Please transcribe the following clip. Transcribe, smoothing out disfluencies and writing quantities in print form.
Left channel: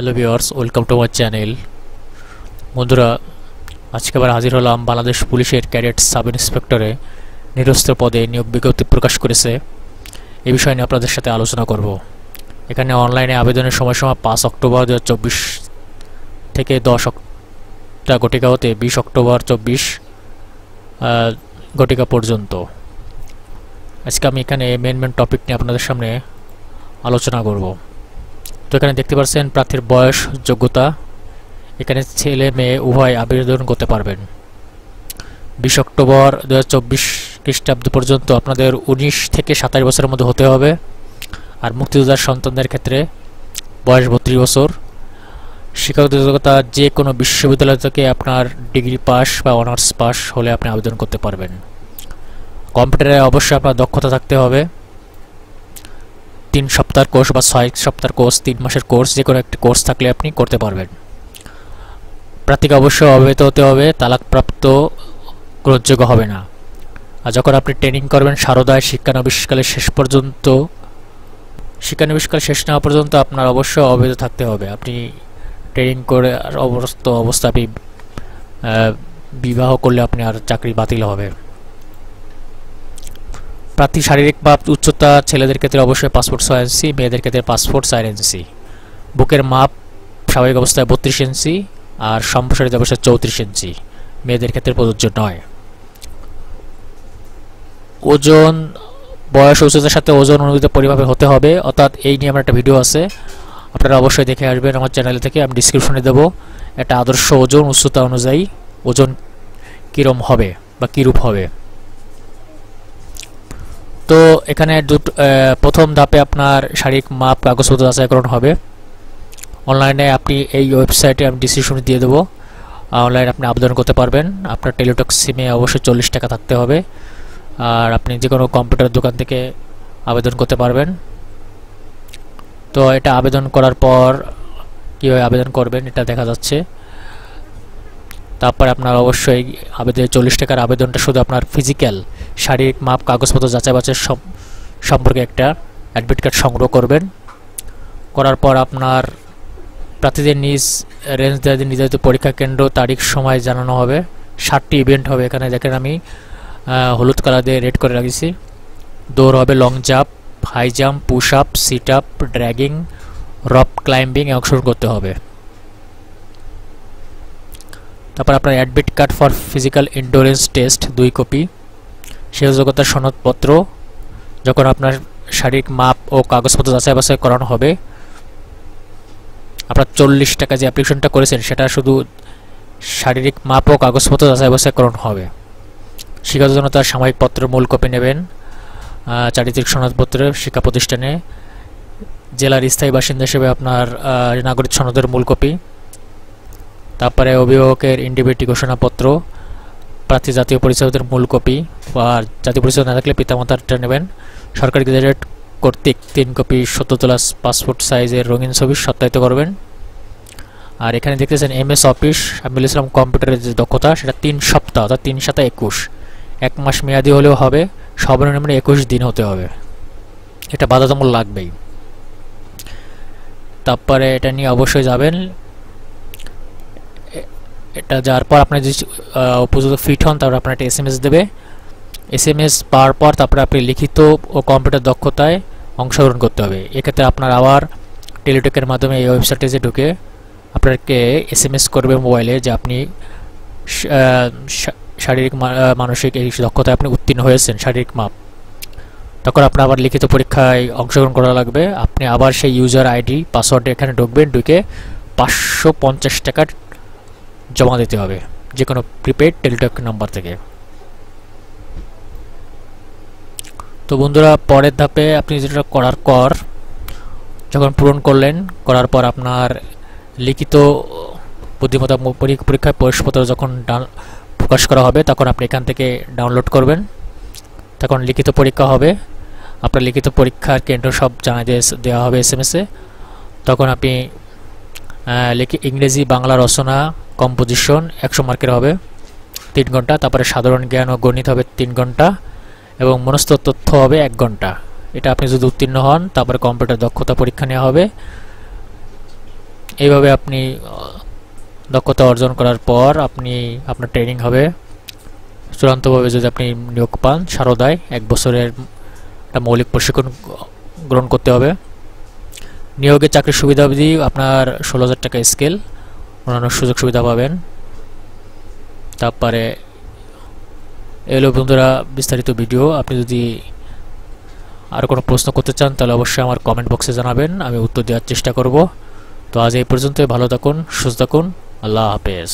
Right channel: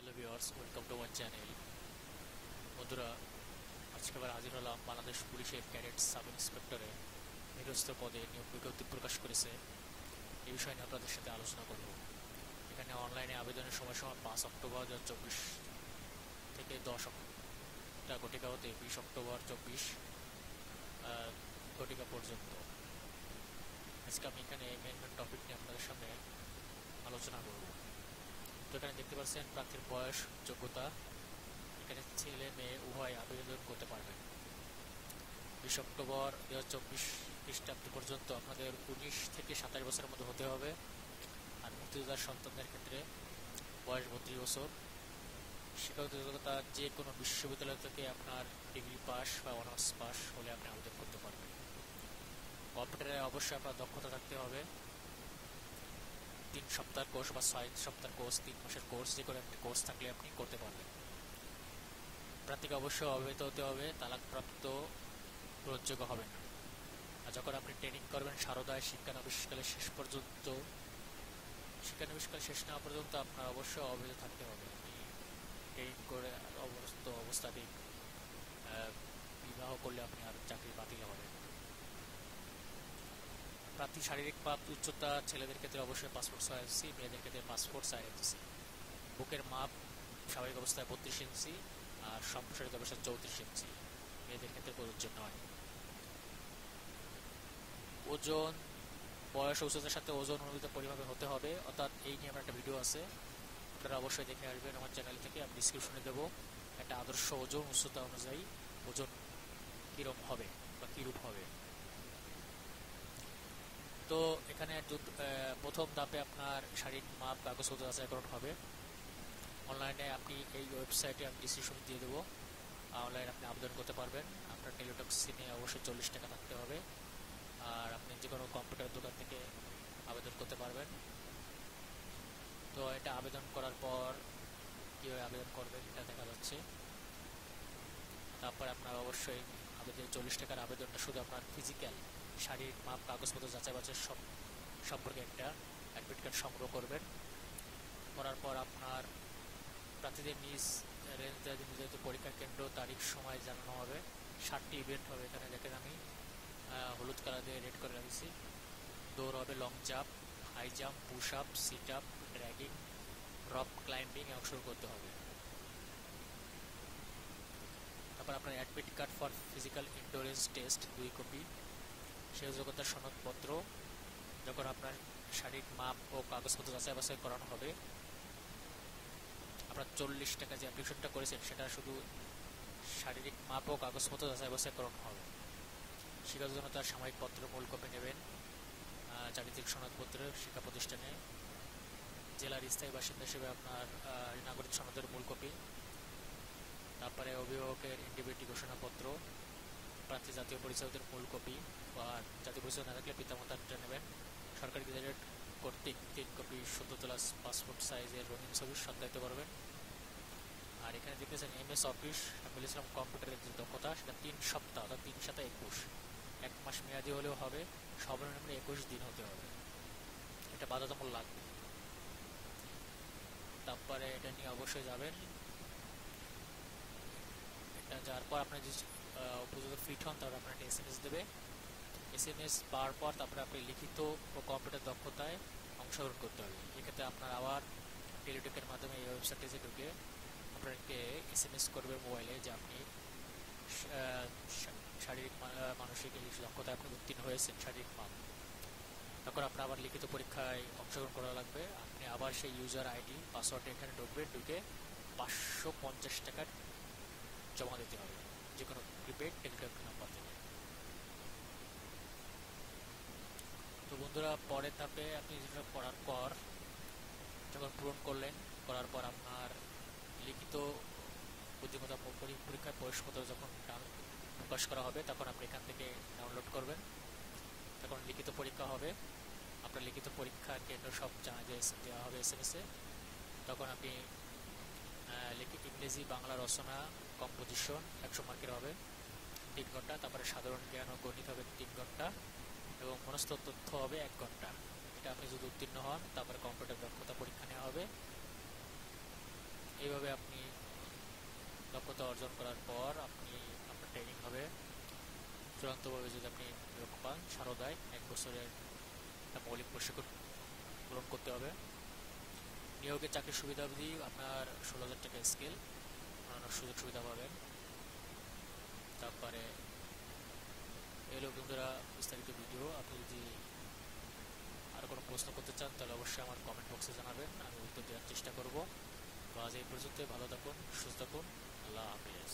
Hello viewers, welcome to my channel. বন্ধুরা, আজকে আবার হাজির হলাম। বাংলাদেশ পুলিশের ক্যাডেট সাব ইন্সপেক্টরে নিরস্ত্র পদে নিয়োগ বিজ্ঞপ্তি প্রকাশ করেছে। এই বিষয় নিয়ে আপনাদের সাথে আলোচনা করব। এখানে অনলাইনে আবেদনের সময়সীমা 5 অক্টোবর 2024 থেকে 10টা ঘটিকা হতে 20 অক্টোবর 24 ঘটিকা পর্যন্ত। আজকে আমি এখানে মেন টপিক নিয়ে আপনাদের সামনে আলোচনা করব। তো এখানে দেখতে পাচ্ছেন প্রার্থীর বয়স, যোগ্যতা। এখানে ছেলে মেয়ে উভয় আবেদন করতে পারবেন। 20 অক্টোবর 2024 খ্রিস্টাব্দ পর্যন্ত আপনাদের 19 থেকে 27 বছরের মধ্যে হতে হবে। আর মুক্তিযোদ্ধার সন্তানদের ক্ষেত্রে বয়স 32 বছর। শিক্ষাগত যোগ্যতা যে কোনো বিশ্ববিদ্যালয় থেকে আপনার ডিগ্রি পাস বা অনার্স পাস হলে আপনি আবেদন করতে পারবেন। কম্পিউটারে অবশ্যই আপনার দক্ষতা থাকতে হবে। 3 সপ্তাহের কোর্স বা 6 সপ্তাহের কোর্স, 3 মাসের কোর্স, যে কোনো একটি কোর্স থাকলে আপনি করতে পারবেন। প্রার্থীকে অবশ্যই অবহিত হতে হবে, তালাকপ্রাপ্ত গ্রহণযোগ্য হবে না। আর যখন আপনি ট্রেনিং করবেন শারদায় শিক্ষানবিশকালের শিক্ষানবিশকাল শেষ না হওয়া পর্যন্ত আপনার অবশ্যই অবহিত থাকতে হবে। আপনি ট্রেনিং করে আর অবস্থা আপনি বিবাহ করলে আপনি আর চাকরি বাতিল হবে। প্রার্থী শারীরিক মাপ উচ্চতা ছেলেদের ক্ষেত্রে অবশ্যই পাসপোর্ট 6 ইঞ্চি, মেয়েদের ক্ষেত্রে পাসপোর্ট 4 ইঞ্চি। বুকের মাপ স্বাভাবিক অবস্থায় 32 ইঞ্চি আর সম্প্রসারিত অবস্থায় 34 ইঞ্চি, মেয়েদের ক্ষেত্রে প্রযোজ্য নয়। ওজন, বয়স, উচ্চতার সাথে ওজন অনুযায়ী পরিমাপে হতে হবে। অর্থাৎ এই নিয়ে আমার একটা ভিডিও আছে, আপনারা অবশ্যই দেখে আসবেন আমার চ্যানেল থেকে। আমি ডিসক্রিপশনে দেবো একটা আদর্শ ওজন উচ্চতা অনুযায়ী ওজন কীরম হবে বা কীরূপ হবে। তো এখানে প্রথম ধাপে আপনার শারীরিক মাপ কাগজপত্র যাচাইকরণ হবে। অনলাইনে আপনি এই ওয়েবসাইটে আমি ডিসক্রিপশনে দিয়ে দেবো, অনলাইনে আপনি আবেদন করতে পারবেন। আপনার টেলিটক সিমে অবশ্যই 40 টাকা থাকতে হবে। আর আপনি যে কোনো কম্পিউটার দোকান থেকে আবেদন করতে পারবেন। তো এটা আবেদন করার পর কীভাবে আবেদন করবেন এটা দেখা যাচ্ছে। তারপর আপনার অবশ্যই আবেদনের 40 টাকার আবেদনটা শুধু আপনার ফিজিক্যাল শারীরিক মাপ কাগজপত্র যাচাই বাছাই সম্পর্কে একটা অ্যাডমিট কার্ড সংগ্রহ করবেন। করার পর আপনার প্রার্থীদের নিজ রেঞ্জ দেওয়া নির্ধারিত পরীক্ষা কেন্দ্র, তারিখ, সময় জানানো হবে। 7টি ইভেন্ট হবে। এখানে দেখেন আমি হলুদ কালার দিয়ে রেড করে রাখছি। দৌড় হবে, long jump, high jump, push up, sit up, dragging, rope climbing অংশগ্রহণ করতে হবে। তারপর আপনার admit card for physical endurance test 2 copy, শিক্ষাযোগ্যতার সনদপত্র। যখন আপনার শারীরিক মাপ ও কাগজপত্র যাচাই বাছাই করানো হবে, আপনার 40 টাকা যে অ্যাপ্লিকেশনটা করেছেন সেটা শুধু শারীরিক মাপ ও কাগজপত্র যাচাই বাছাই করানো হবে। শিক্ষাযোগ্যতার সাময়িক পত্রের মূল কপি নেবেন। চারিত্রিক সনদপত্র শিক্ষা প্রতিষ্ঠানে, জেলার স্থায়ী বাসিন্দা হিসেবে আপনার নাগরিক সনদের মূল কপি। তারপরে অভিভাবকের ইন্ডিভিটি ঘোষণাপত্র, প্রার্থী জাতীয় পরিচয়পত্রের মূল কপি, আর জাতীয় পরিচয় না থাকলে পিতামাতারটা নেবেন। সরকারি গেজেট কর্তৃক 3 কপি সদ্য তোলা পাসপোর্ট সাইজের রঙিন ছবি সত্যায়িত করবেন। আর এখানে দেখতেছেন MS অফিস। আমি বলেছিলাম কম্পিউটারের যে দক্ষতা সেটা 3 সপ্তাহ, অর্থাৎ 3 7 21, 1 মাস মেয়াদি হলেও হবে, সর্বনিম্ন 21 দিন হতে হবে। এটা বাধ্যতামূলক লাগবেই। তারপরে এটা নিয়ে অবশ্যই যাবেন। এটা যাওয়ার পর আপনার যে উপযুক্ত ফিট হন, তারপর আপনার একটা SMS দেবে। SMS পাওয়ার পর তারপরে আপনি লিখিত ও কম্পিউটার দক্ষতায় অংশগ্রহণ করতে হবে। এক্ষেত্রে আপনার আবার টেলিটকের মাধ্যমে এই ওয়েবসাইটে যে ঢুকে আপনাকে SMS করবে মোবাইলে যে আপনি শারীরিক মানসিক এই দক্ষতায় আপনি উত্তীর্ণ হয়েছেন, শারীরিক মাপ। তখন আপনার আবার লিখিত পরীক্ষায় অংশগ্রহণ করা লাগবে। আপনি আবার সেই ইউজার ID পাসওয়ার্ড এখানে ঢুকবেন, ঢুকে 550 টাকা জমা দিতে হবে যে কোনো প্রিপেড টেলিটক নাম্বার থেকে। তো বন্ধুরা, পরের ধাপে আপনি যেটা করার পর যখন পূরণ করলেন, করার পর আপনার লিখিত বুদ্ধিমত্তা পরীক্ষায় প্রবেশপত্র যখন প্রকাশ করা হবে তখন আপনি এখান থেকে ডাউনলোড করবেন। তখন লিখিত পরীক্ষা হবে। আপনার লিখিত পরীক্ষার কেন্দ্র সব জানা দেওয়া হবে SMS-এ। তখন আপনি ইংরেজি, বাংলা রচনা, কম্পোজিশন 100 মার্কের হবে 3 ঘন্টা। তারপরে সাধারণ জ্ঞান ও গণিত হবে 3 ঘন্টা এবং মনস্থ তথ্য হবে 1 ঘন্টা। এটা আপনি যদি উত্তীর্ণ হন তারপরে কম্পিউটার দক্ষতা পরীক্ষা নেওয়া হবে। এইভাবে আপনি দক্ষতা অর্জন করার পর আপনি আপনার ট্রেনিং হবে। চূড়ান্তভাবে যদি আপনি নিয়োগ পান সারদায় 1 বছরের একটা মৌলিক প্রশিক্ষণ গ্রহণ করতে হবে। নিয়োগের চাকরির সুবিধাবধি আপনার 16,000 টাকা স্কেল, অন্যান্য সুযোগ সুবিধা পাবেন। তারপরে এলো বন্ধুরা বিস্তারিত ভিডিও। আপনি যদি আর কোনো প্রশ্ন করতে চান তাহলে অবশ্যই আমার কমেন্ট বক্সে জানাবেন, আমি উত্তর দেওয়ার চেষ্টা করব। তো আজ এই পর্যন্তই। ভালো থাকুন, সুস্থ থাকুন, আল্লাহ হাফেজ।